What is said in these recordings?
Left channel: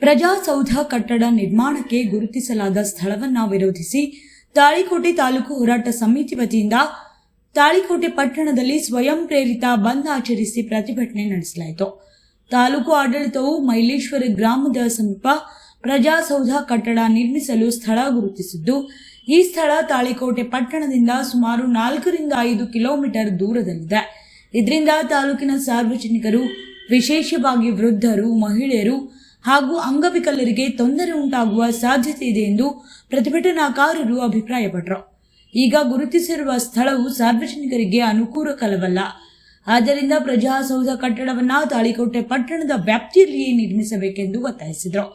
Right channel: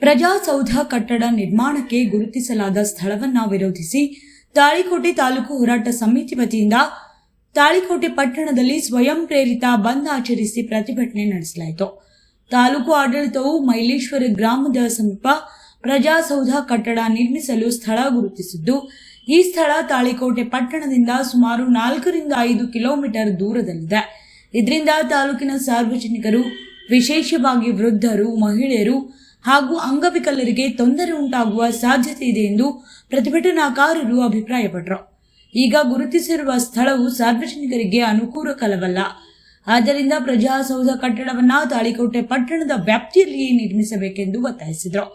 ಪ್ರಜಾಸೌಧ ಕಟ್ಟಡ ನಿರ್ಮಾಣಕ್ಕೆ ಗುರುತಿಸಲಾದ ಸ್ಥಳವನ್ನು ವಿರೋಧಿಸಿ ತಾಳಿಕೋಟೆ ತಾಲೂಕು ಹೋರಾಟ ಸಮಿತಿ ವತಿಯಿಂದ ತಾಳಿಕೋಟೆ ಪಟ್ಟಣದಲ್ಲಿ ಸ್ವಯಂ ಪ್ರೇರಿತ ಬಂದ್ ಆಚರಿಸಿ ಪ್ರತಿಭಟನೆ ನಡೆಸಲಾಯಿತು. ತಾಲೂಕು ಆಡಳಿತವು ಮೈಲೇಶ್ವರ ಗ್ರಾಮದ ಸಮೀಪ ಪ್ರಜಾಸೌಧ ಕಟ್ಟಡ ನಿರ್ಮಿಸಲು ಸ್ಥಳ ಗುರುತಿಸಿದ್ದು, ಈ ಸ್ಥಳ ತಾಳಿಕೋಟೆ ಪಟ್ಟಣದಿಂದ ಸುಮಾರು 4 ರಿಂದ 5 ಕಿಲೋಮೀಟರ್ ದೂರದಲ್ಲಿದೆ. ಇದರಿಂದ ತಾಲೂಕಿನ ಸಾರ್ವಜನಿಕರು, ವಿಶೇಷವಾಗಿ ವೃದ್ಧರು, ಮಹಿಳೆಯರು ಹಾಗೂ ಅಂಗವಿಕಲರಿಗೆ ತೊಂದರೆ ಉಂಟಾಗುವ ಸಾಧ್ಯತೆ ಇದೆ ಎಂದು ಪ್ರತಿಭಟನಾಕಾರರು ಅಭಿಪ್ರಾಯಪಟ್ಟರು. ಈಗ ಗುರುತಿಸಿರುವ ಸ್ಥಳವು ಸಾರ್ವಜನಿಕರಿಗೆ ಅನುಕೂಲಕರವಲ್ಲ. ಆದ್ದರಿಂದ ಪ್ರಜಾಸೌಧ ಕಟ್ಟಡವನ್ನು ತಾಳಿಕೋಟೆ ಪಟ್ಟಣದ ವ್ಯಾಪ್ತಿಯಲ್ಲಿಯೇ ನಿರ್ಮಿಸಬೇಕೆಂದು ಒತ್ತಾಯಿಸಿದರು.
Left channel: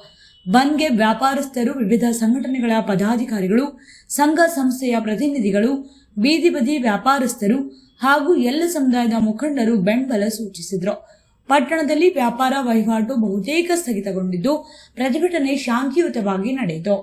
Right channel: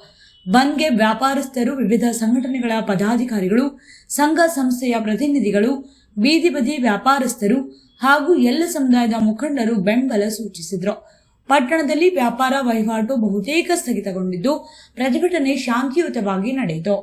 ಬಂದ್ಗೆ ವ್ಯಾಪಾರಸ್ಥರು, ವಿವಿಧ ಸಂಘಟನೆಗಳ ಪದಾಧಿಕಾರಿಗಳು, ಸಂಘ ಸಂಸ್ಥೆಯ ಪ್ರತಿನಿಧಿಗಳು, ಬೀದಿ ಬದಿ ವ್ಯಾಪಾರಸ್ಥರು ಹಾಗೂ ಎಲ್ಲ ಸಮುದಾಯದ ಮುಖಂಡರು ಬೆಂಬಲ ಸೂಚಿಸಿದರು. ಪಟ್ಟಣದಲ್ಲಿ ವ್ಯಾಪಾರ ವಹಿವಾಟು ಬಹುತೇಕ ಸ್ಥಗಿತಗೊಂಡಿದ್ದು, ಪ್ರತಿಭಟನೆ ಶಾಂತಿಯುತವಾಗಿ ನಡೆಯಿತು.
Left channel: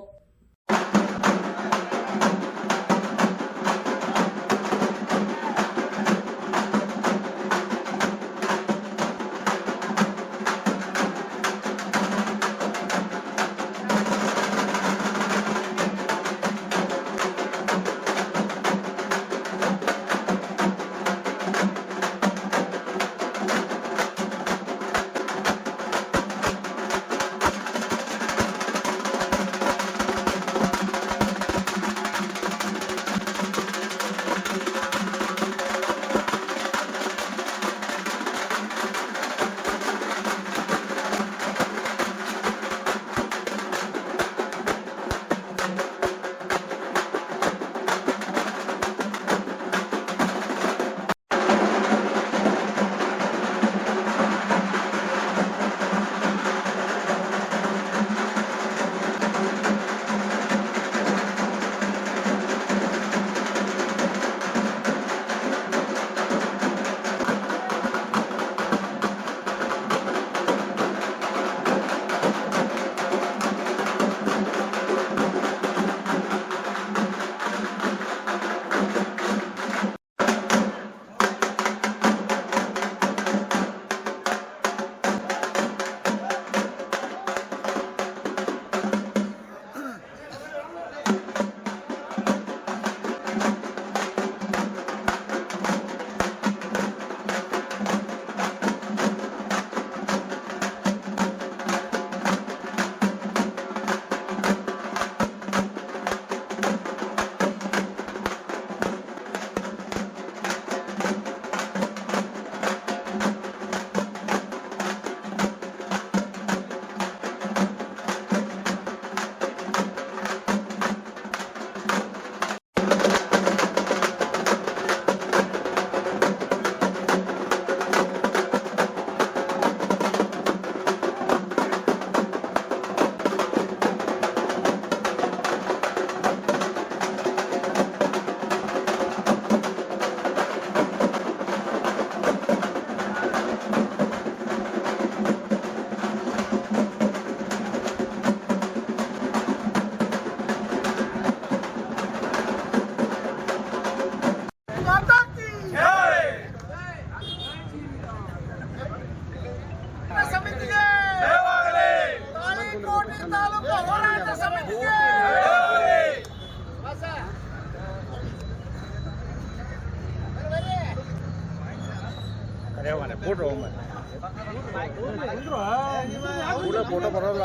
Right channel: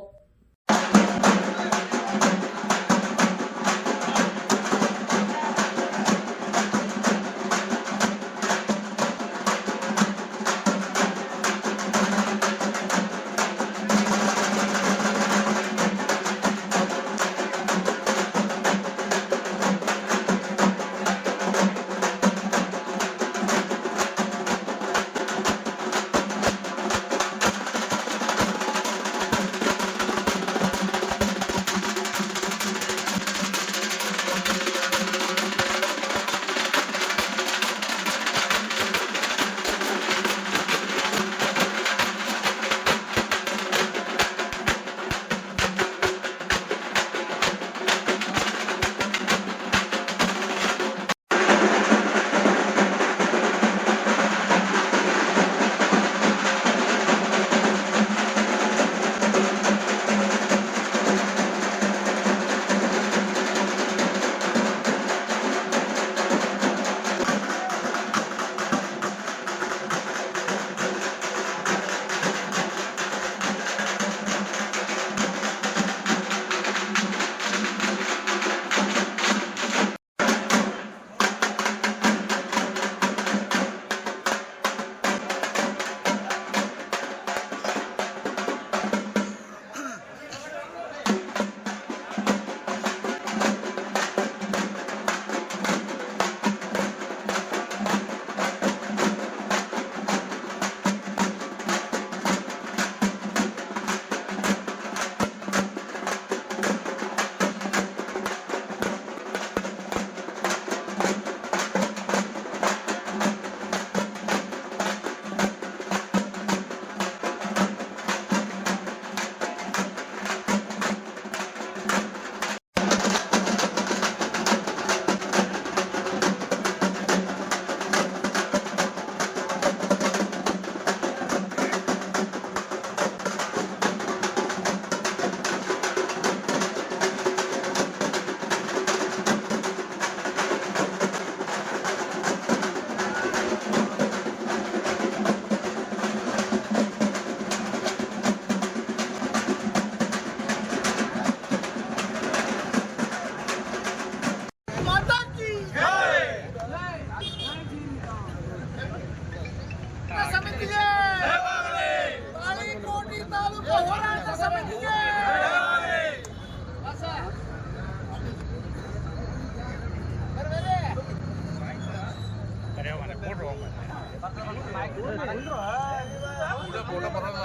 ಫೋಟೋ ಬರಲ್ಲ.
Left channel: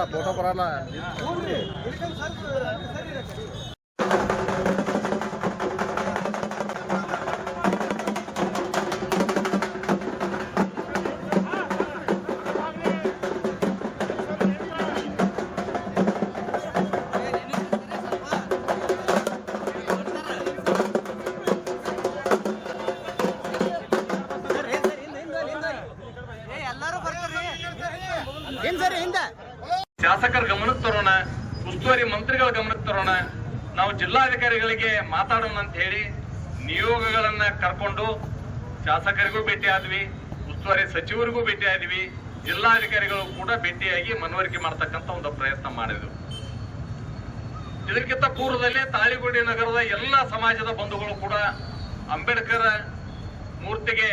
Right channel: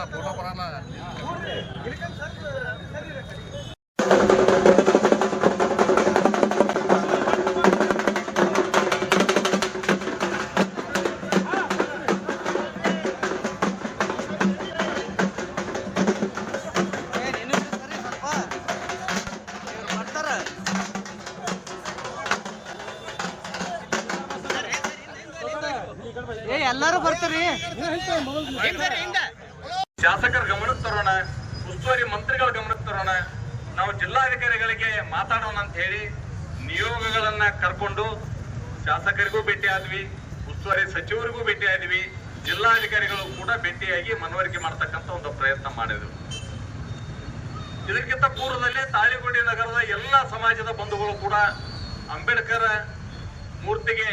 ಶಾಸಕರ ಗಮನಕ್ಕೆ ತರೋಣ, ಉಸ್ತುವಾರಿ ಮಂತ್ರಿಗಳ ಗಮನಕ್ಕೆ ತರೋಣ, ನಾವು ಜಿಲ್ಲಾಧಿಕಾರಿಗಳಿಗೆ ಮಾತಾಡೋಣ ಅಂತ ಹೇಳಿ ನಿಯೋಗಗಳನ್ನ ಕರ್ಕೊಂಡು ಶಾಸಕರಿಗೂ ಭೇಟಿ ಆದ್ವಿ, ಉಸ್ತುವಾರಿ ಸಚಿವರಿಗೂ ಭೇಟಿ ಆದ್ವಿ, ಜಿಲ್ಲಾಧಿಕಾರಿಗಳು ಕೂಡ ಭೇಟಿಯಾಗಿ ಮನವರಿಕೆ ಮಾಡತಕ್ಕಂತ ಒಂದು ಪ್ರಯತ್ನ ಮಾಡಿದ್ರು. ಇದಕ್ಕಿಂತ ಪೂರ್ವದಲ್ಲೇ ತಾಳಿಕೋಟೆ ನಗರದ ಎಲ್ಲ ಸಮಾಜದ ಬಂಧುಗಳು ಕೂಡ ಅಂಬೇಡ್ಕರ್ ಮೂರ್ತಿಗೆ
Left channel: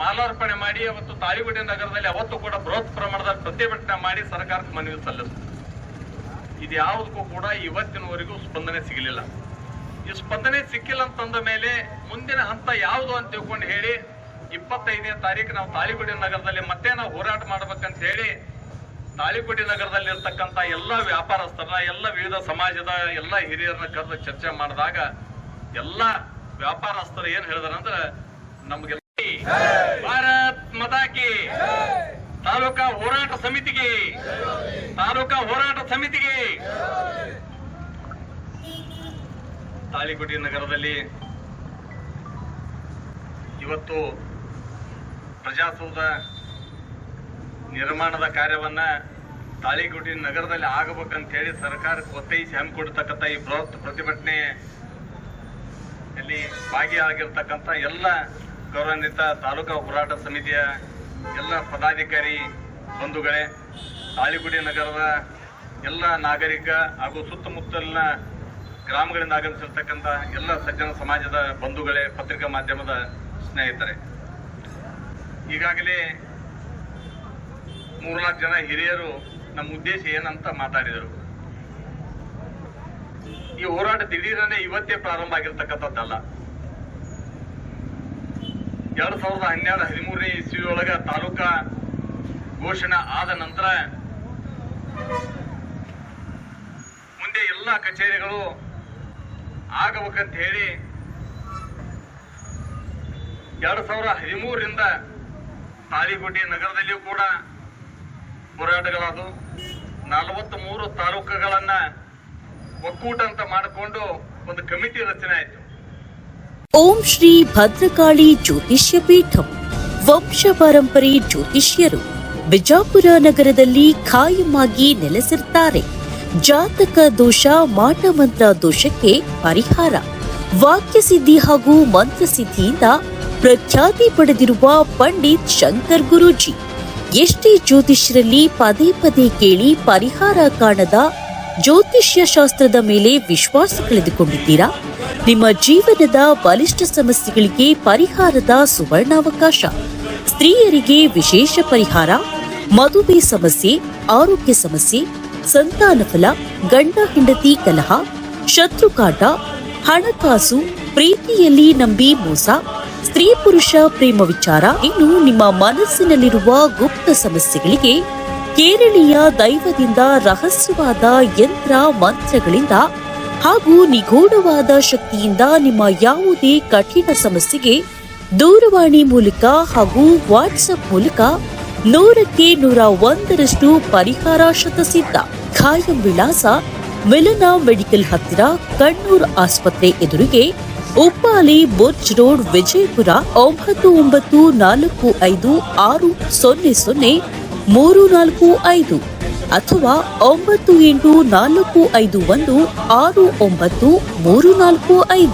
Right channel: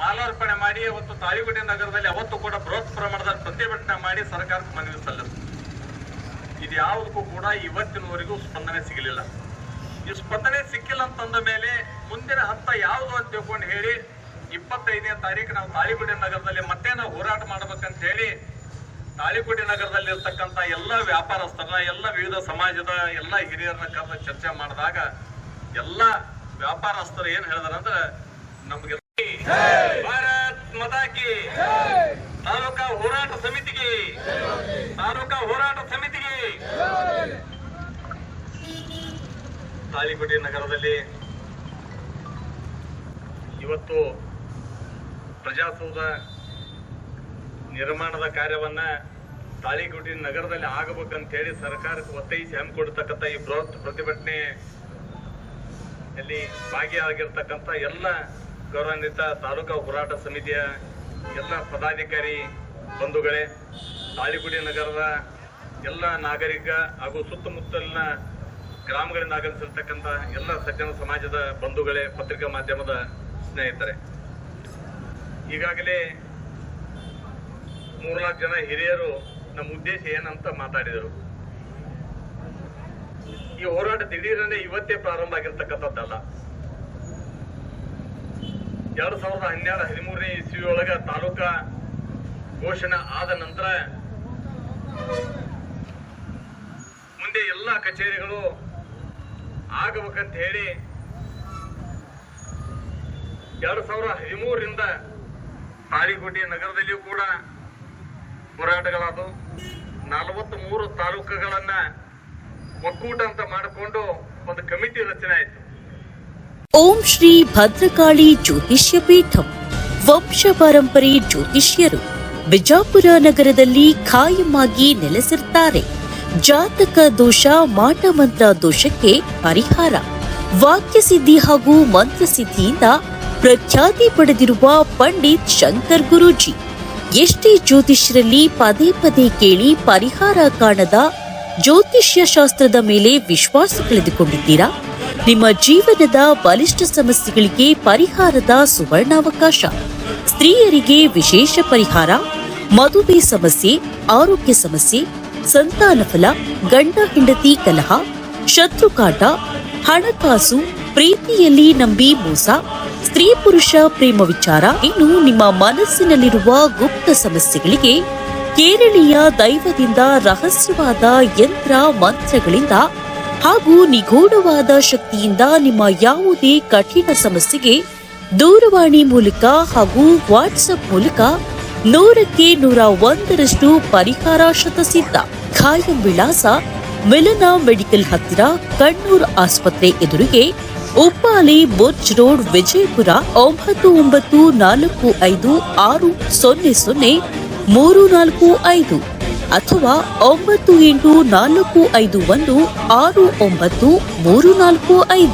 ಮಾಲಾರ್ಪಣೆ ಮಾಡಿ ಅವತ್ತು ತಾಳಿಕೋಟೆ ನಗರದಲ್ಲಿ ಅವತ್ತು ಕೂಡ ಬೃಹತ್ ಪ್ರಮಾಣದ ಪ್ರತಿಭಟನೆ ಮಾಡಿ ಸರ್ಕಾರಕ್ಕೆ ಮನವಿ ಸಲ್ಲಿಸಿದ್ರು. ಇದ್ಯಾವುದಕ್ಕೂ ಕೂಡ ಇವತ್ತಿನವರೆಗೂ ಸ್ಪಂದನೆ ಸಿಗಲಿಲ್ಲ. ಈ ಸ್ಪಂದನೆ ಸಿಕ್ಕಿಲ್ಲ ಅಂತಂದ ಮೇಲೆ ಮುಂದಿನ ಹಂತ ಯಾವುದು ಅಂತ ತಿಳ್ಕೊಂಡು ಹೇಳಿ 25ನೇ ತಾರೀಕು ನಾವು ತಾಳಿಕೋಟೆ ನಗರದಲ್ಲಿ ಮತ್ತೆ ನಾವು ಹೋರಾಟ ಮಾಡ್ಬೇಕಂತ ಹೇಳಿ ತಾಳಿಕೋಟೆ ನಗರದಲ್ಲಿ ಇರ್ತಕ್ಕಂಥ ಎಲ್ಲ ವ್ಯಾಪಾರಸ್ಥರ, ಎಲ್ಲ ವಿವಿಧ ಸಮಾಜದ ಎಲ್ಲ ಹಿರಿಯರನ್ನ ಕರೆದು ಚರ್ಚೆ ಮಾಡಿದಾಗ ಎಲ್ಲ ವ್ಯಾಪಾರಸ್ಥರು ಏನ್ ಹೇಳಿದಾರಂದ್ರೆ, ನಮ್ಗೆ ಭಾರತ್ ಮತಾಕಿ ತಾಲೂಕಾ ಹೋರಾಟ ಸಮಿತಿಗೆ ತಾಳಿಕೋಟೆ ನಗರದಲ್ಲಿ ಇವತ್ತು ಪ್ರಜಾಸೌಧ ನಿರ್ಮಾಣದ ಕಾರ್ಯವನ್ನ ತಾಳಿಕೋಟೆ ನಗರದಲ್ಲಿ ಆಗಬೇಕಂತ ಹೇಳಿ ಸರ್ಕಾರಕ್ಕೆ ಒತ್ತಾಯಿಸಿ ಹಮ್ಮಿಕೊಡ್ತಕ್ಕಂಥ ಈ ಬೃಹತ್ ಪ್ರತಿಭಟನೆಯಲ್ಲಿ ಭಾಗಿಯಾಗಿರ್ತಕ್ಕಂಥ ಎಲ್ಲ ಗೌರವಾನ್ವಿತ ತಾಲೂಕಾ ಹೋರಾಟ ಸಮಿತಿಯ ಎಲ್ಲ ಪದಾಧಿಕಾರಿ ಬಂಧುಗಳೇ, ತಾಳಿಕೋಟೆ ನಗರದ ಎಲ್ಲ ನಾಗರಿಕ ಹಾಗೂ ಸುತ್ತಮುತ್ತಲಿನ ಗ್ರಾಮಗಳಿಂದ ಆಗಮಿಸಿರ್ತಕ್ಕಂಥ ಎಲ್ಲ ಸಜ್ಜನ ಸಮಾಜದ ಬಂಧುಗಳೇ, ಪತ್ರಿಕಾ ಮಾಧ್ಯಮದ ಸ್ನೇಹಿತರೆ, ಈಗಾಗಲೇ 3-4 ಜನ ಹಿರಿಯರು ನಮ್ಮ ಉದ್ದೇಶ ಏನಂತ ಮಾತಾಡಿದರು. ಈ ಹೋರಾಟ ದಿಢೀರನೆ ಇವತ್ತೇ ಪ್ರಾರಂಭ ಆಗಿರ್ತಕ್ಕಂಥದ್ದಲ್ಲ. 2012-13ನೇ ಇಸ್ವಿಯೊಳಗ ತಾಲೂಕಾ ಘೋಷಣೆ ಆದ ನಂತರ ಮುಂದೆ ಎಲ್ಲ ಕಚೇರಿಗಳು ಆಗಬೇಕಂತ ಹೇಳಿ 2013ರಿಂದ ತಾಳಿಕೋಟೆ ನಗರದಲ್ಲಿಯೂ ಕೂಡ ಹೋರಾಟಗಳಾದವು. 43 ತಾಲೂಕುಗಳನ್ನ ಒಕ್ಕೂಟ ಅಂತ ಮಾಡಿಕೊಂಡು ಒಂದು ಕಮಿಟಿ ರಚನೆ ಆಯಿತು. ಓಂ ಶ್ರೀ ಭದ್ರಕಾಳಿ ಜ್ಯೋತಿಷ್ಯ ಪೀಠಂ ವಂಶ ಪರಂಪರೆ ಜ್ಯೋತಿಷ್ಯರು ಬಿಜಾಪುರ ನಗರದಲ್ಲಿ ಖಾಯಂ ಆಗಿ ನೆಲೆಸಿರ್ತಾರೆ. ಜಾತಕ ದೋಷ, ಮಾಟಮಂತ್ರ ದೋಷಕ್ಕೆ ಪರಿಹಾರ, ವಾಕ್ಯಸಿದ್ಧಿ ಹಾಗೂ ಮಂತ್ರಸಿದ್ಧಿಯಿಂದ ಪ್ರಖ್ಯಾತಿ ಪಡೆದಿರುವ ಪಂಡಿತ್ ಶಂಕರ್ ಗುರೂಜಿ. ಎಷ್ಟೇ ಜ್ಯೋತಿಷ್ಯರಲ್ಲಿ ಪದೇ ಪದೇ ಕೇಳಿ ಪರಿಹಾರ ಕಾಣದ ಜ್ಯೋತಿಷ್ಯ ಶಾಸ್ತ್ರದ ಮೇಲೆ ವಿಶ್ವಾಸ ಕಳೆದುಕೊಂಡಿದ್ದೀರಾ? ನಿಮ್ಮ ಜೀವನದ ಬಲಿಷ್ಠ ಸಮಸ್ಯೆಗಳಿಗೆ ಪರಿಹಾರದ ಸುವರ್ಣಾವಕಾಶ. ಸ್ತ್ರೀಯರಿಗೆ ವಿಶೇಷ ಪರಿಹಾರ, ಮದುವೆ ಸಮಸ್ಯೆ, ಆರೋಗ್ಯ ಸಮಸ್ಯೆ, ಸಂತಾನ ಫಲ, ಗಂಡ ಹೆಂಡತಿ ಕಲಹ, ಶತ್ರುಕಾಟ, ಹಣಕಾಸು, ಪ್ರೀತಿಯಲ್ಲಿ ನಂಬಿ ಮೋಸ, ಸ್ತ್ರೀ ಪುರುಷ ಪ್ರೇಮ ವಿಚಾರ, ಇನ್ನು ನಿಮ್ಮ ಮನಸ್ಸಿನಲ್ಲಿರುವ ಗುಪ್ತ ಸಮಸ್ಯೆಗಳಿಗೆ ಕೇರಳೀಯ ದೈವದಿಂದ ರಹಸ್ಯವಾದ ಯಂತ್ರ ಮಂತ್ರಗಳಿಂದ ಹಾಗೂ ನಿಗೂಢವಾದ ಶಕ್ತಿಯಿಂದ ನಿಮ್ಮ ಯಾವುದೇ ಕಠಿಣ ಸಮಸ್ಯೆಗೆ ದೂರವಾಣಿ ಮೂಲಕ ಹಾಗೂ ವಾಟ್ಸ್ಆಪ್ ಮೂಲಕ 100ಕ್ಕೆ 101ರಷ್ಟು ಪರಿಹಾರ ಶತಸಿದ್ಧ. ಖಾಯಂ ವಿಳಾಸ ಮಿಲನ ಮೆಡಿಕಲ್ ಹತ್ತಿರ, ಕಣ್ಣೂರ್ ಆಸ್ಪತ್ರೆ ಎದುರಿಗೆ, ಉಪ್ಪಾಲಿ ಬುರ್ಜ್ ರೋಡ್, ವಿಜಯಪುರ 9945600345 ಅಥವಾ 9845169345.